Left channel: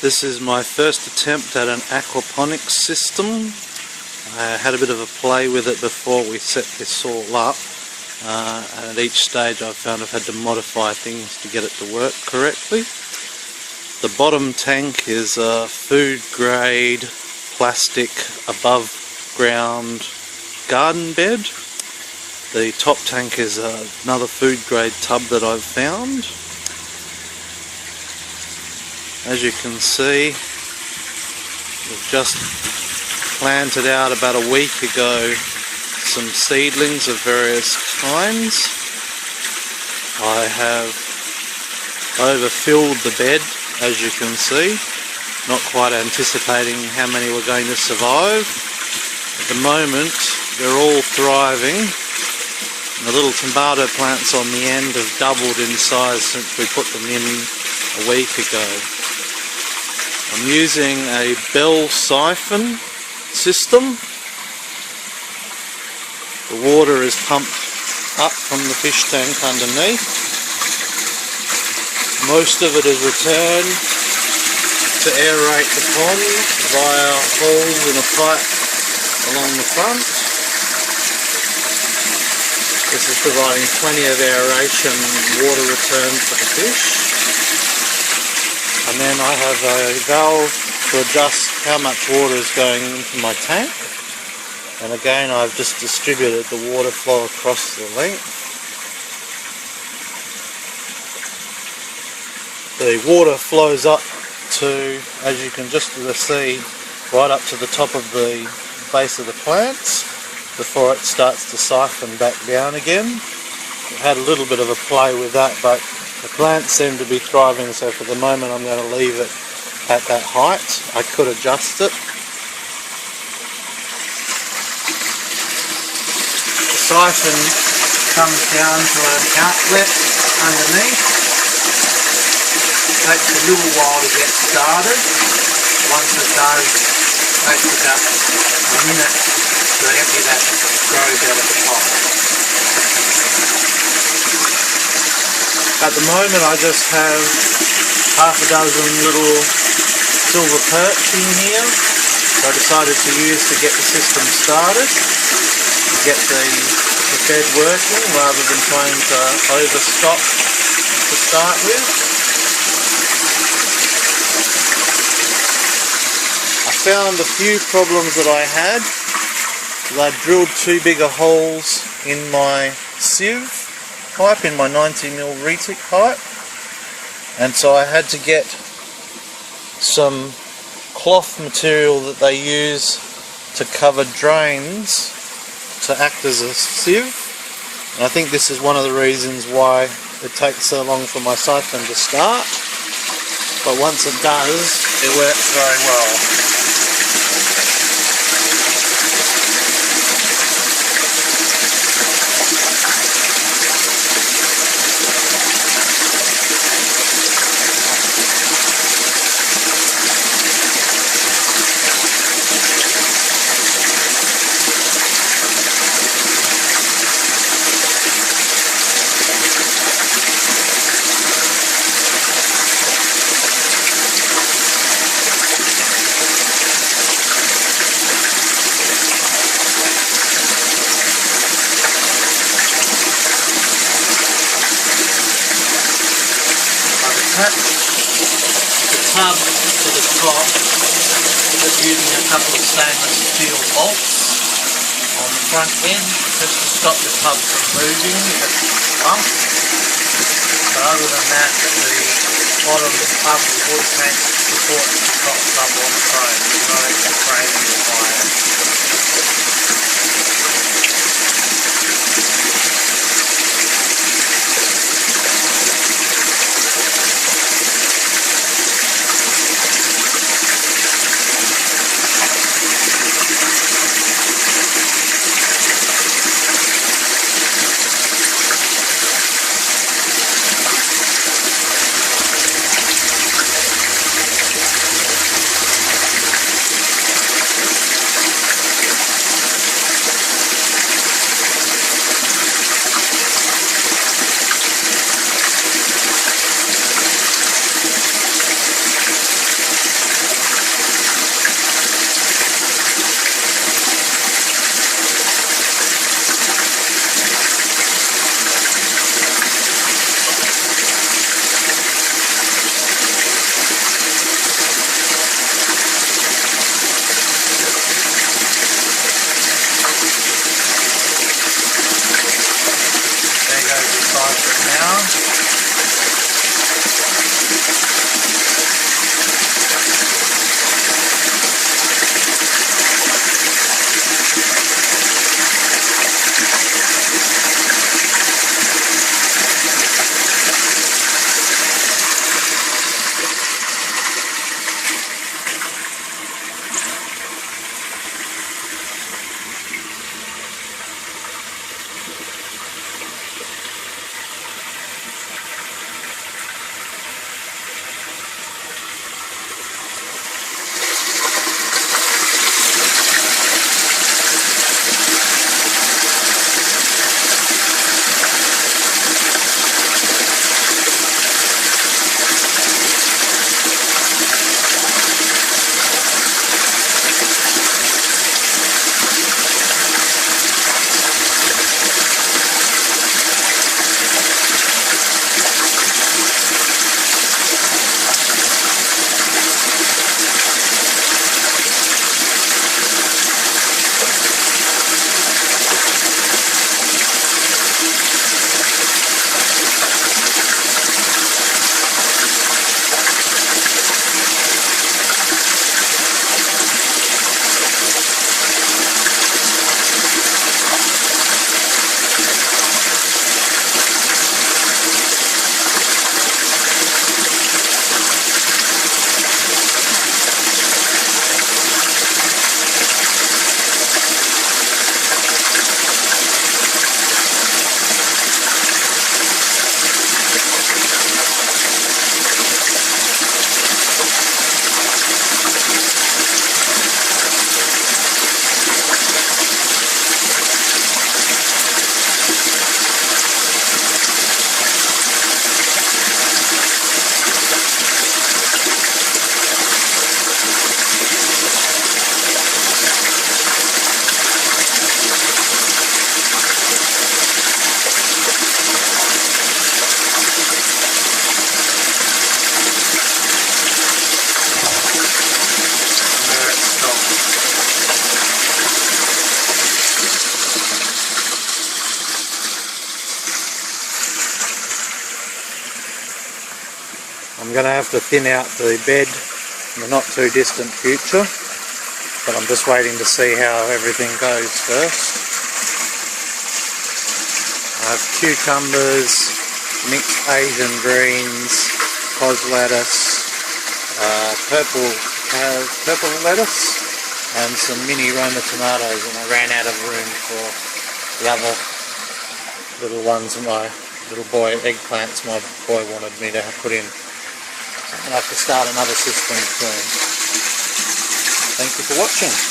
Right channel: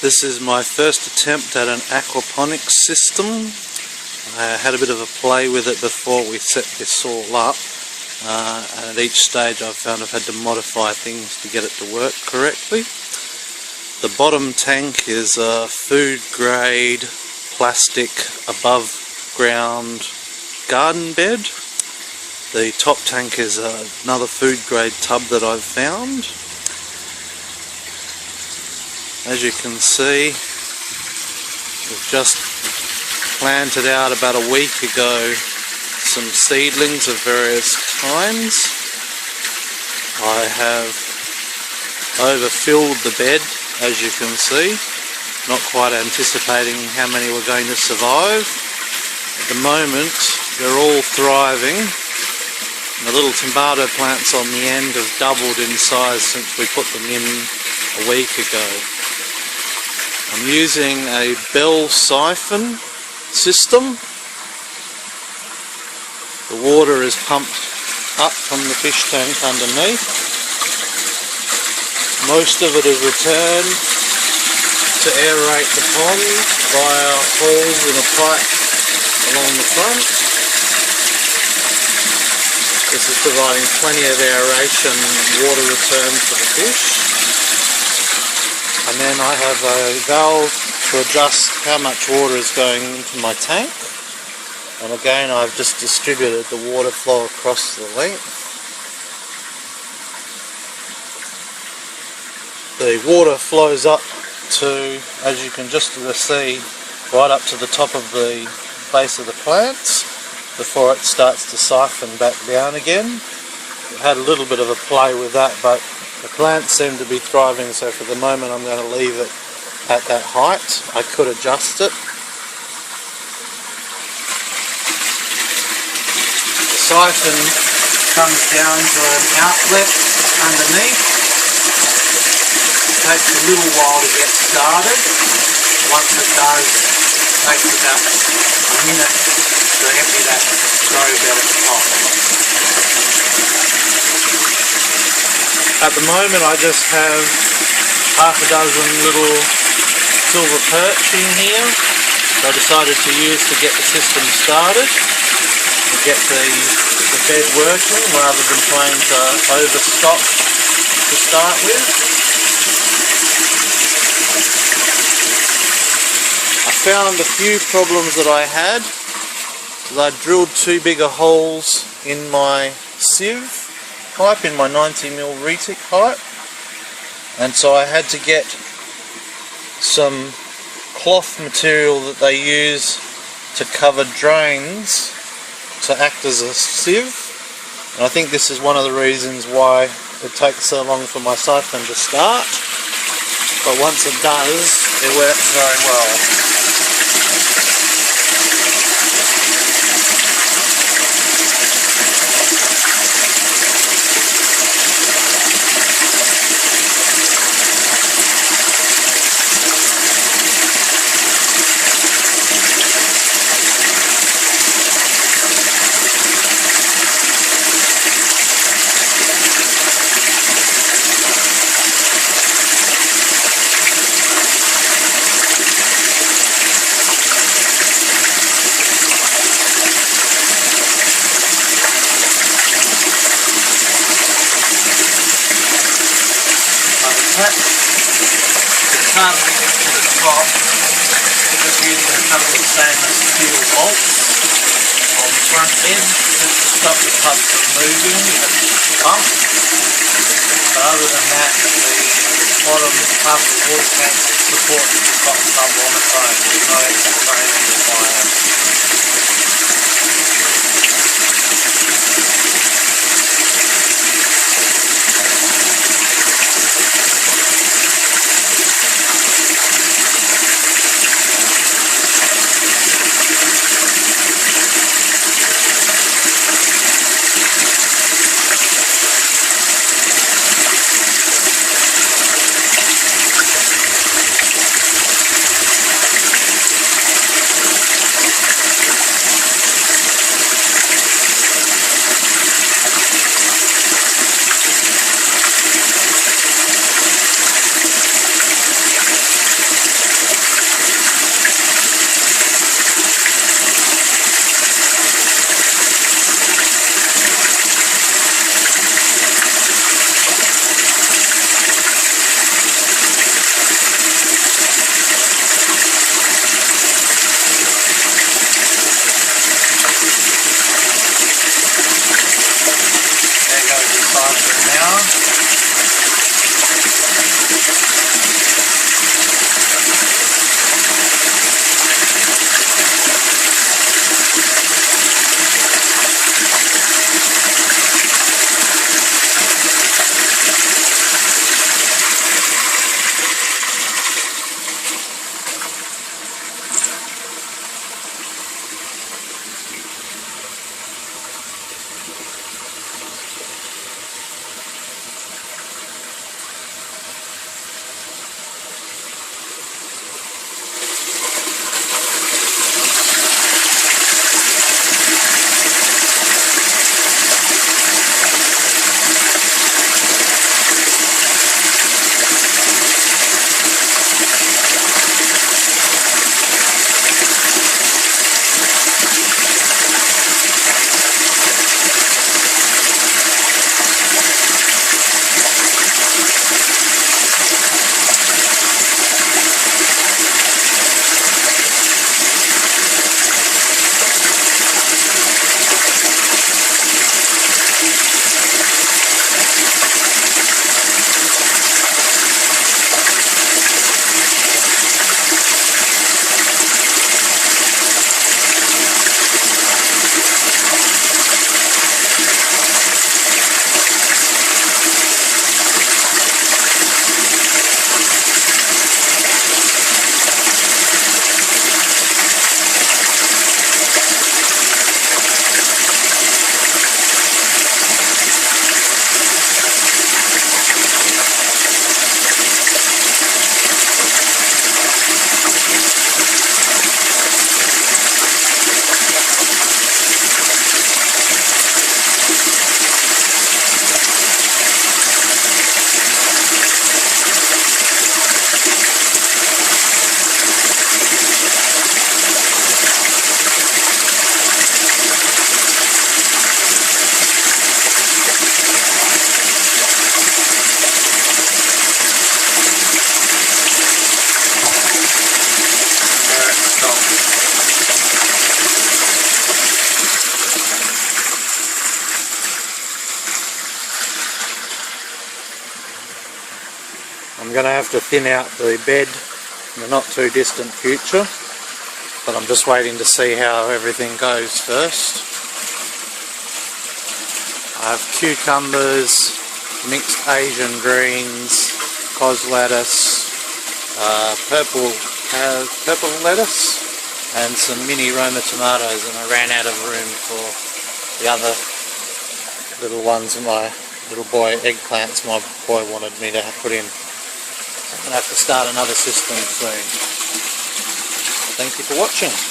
This is my first attempt at an aquaponics system. I had a bit of a play with it before we set this all up, and at each stage I've found I've had to modify things to get it to work correctly. The bottom tank is a food grade plastic above ground garden bed. The top tank is another food grade tub that I've found. As you can see, we've just planted out about a week ago some seedlings of various kinds. I have overfilled the bed, as you can see, not quite anticipating how many were going to survive. At the moment they're all thriving. The little tomato plants on the end have doubled in size since we put them in a week ago. I'm using a bell siphon system. The water is pumped up from the fish tank underneath. Most of it is returned to aerate the pond via holes in a pipe along the front. This is providing plenty of aeration and water return for the fish. And then I have a valve to adjust how much water is going into my tank. And again, I've just distributed the water flow across the length. The water flows up to, as you can just see, right up to the top of the base of the plants before it starts to siphon back down again. I've had a little bit of a play with that, but the plants seem to be thriving, so for the moment I'm going to leave it at that height. I could adjust it. The siphon comes down to an outlet underneath. It takes a little while to get started. Once it does, it takes about a minute to empty that grow bed at the top. At the moment I just have half a dozen little silver perch in here, so I decided to use to get the system started, to get the bed working rather than trying to overstock to start with. I found a few problems that I had. I drilled too big of holes in my sieve pipe, in my 90mm retic pipe, and so I had to get some cloth material that they use to cover drains to act as a sieve, and I think this is one of the reasons why it takes so long for my siphon to start, but once it does, it works very well. The tub to the top, just using a couple of stainless steel bolts on the front edge just to stop the tub from moving if it's pumped. But other than that, the bottom tub water tank supports the top tub on its own. There's no extra framing required. going to have to thin out the bed in the not too distant future, but I'm just waiting to see how everything goes first. I have cucumbers, mixed Asian greens, cos lettuce, purple lettuce, and some mini Roma tomatoes, and I ran out of room for the other little ones, my little boy eggplants my boy wanted me to put in. So I'm going to have to start another system soon. Thank you for watching.